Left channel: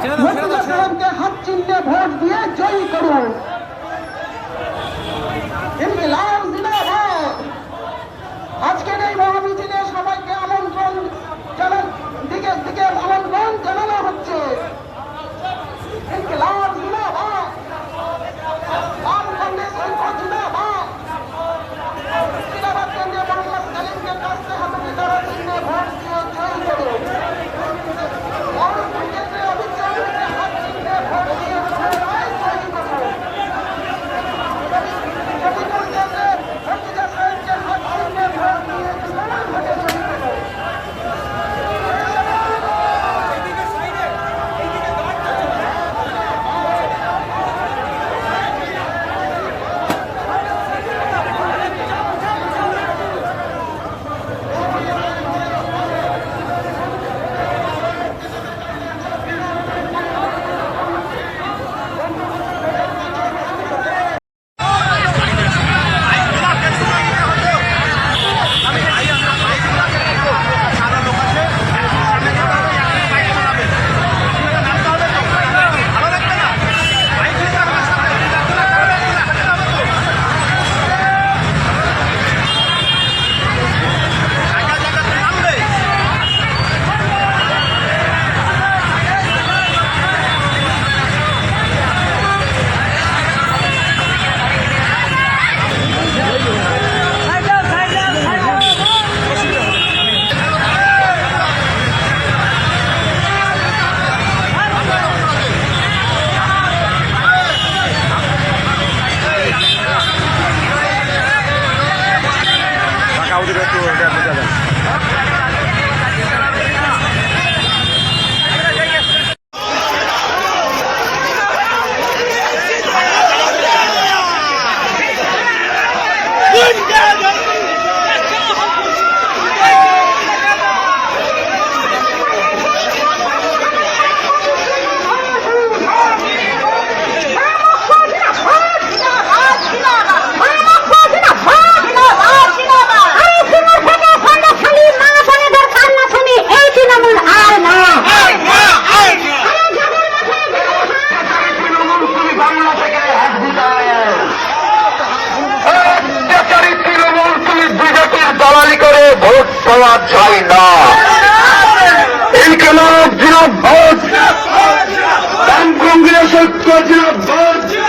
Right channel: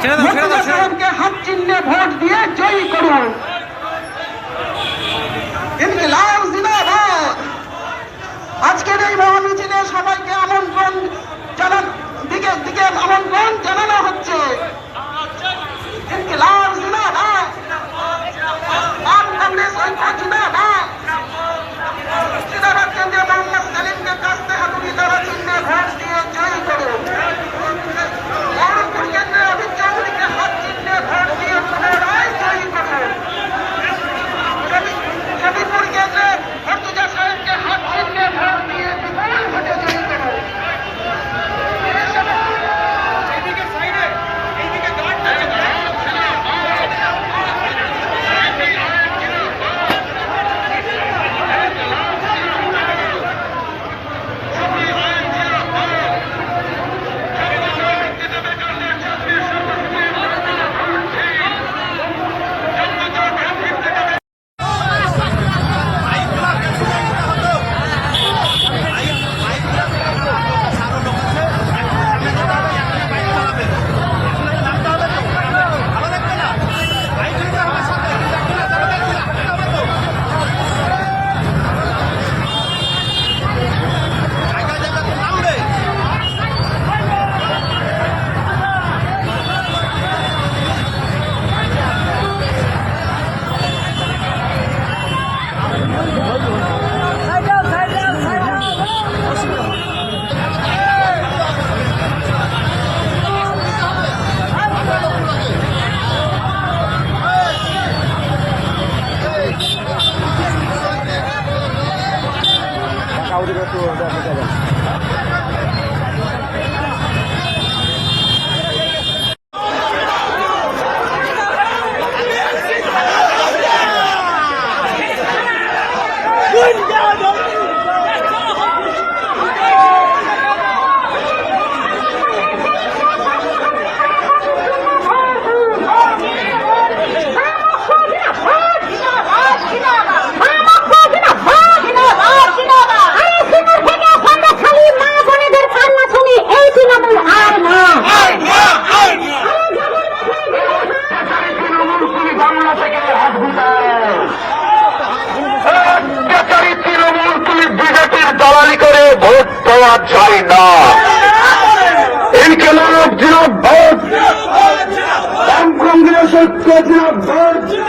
मुख्य के हक चिन्ह वोट दिए जो ही करो। একটু দেখা যাবে ভোট পাওয়া যায় না। এই কেন জিরা ভোট। কংগ্রেস ঐক্য ভোট।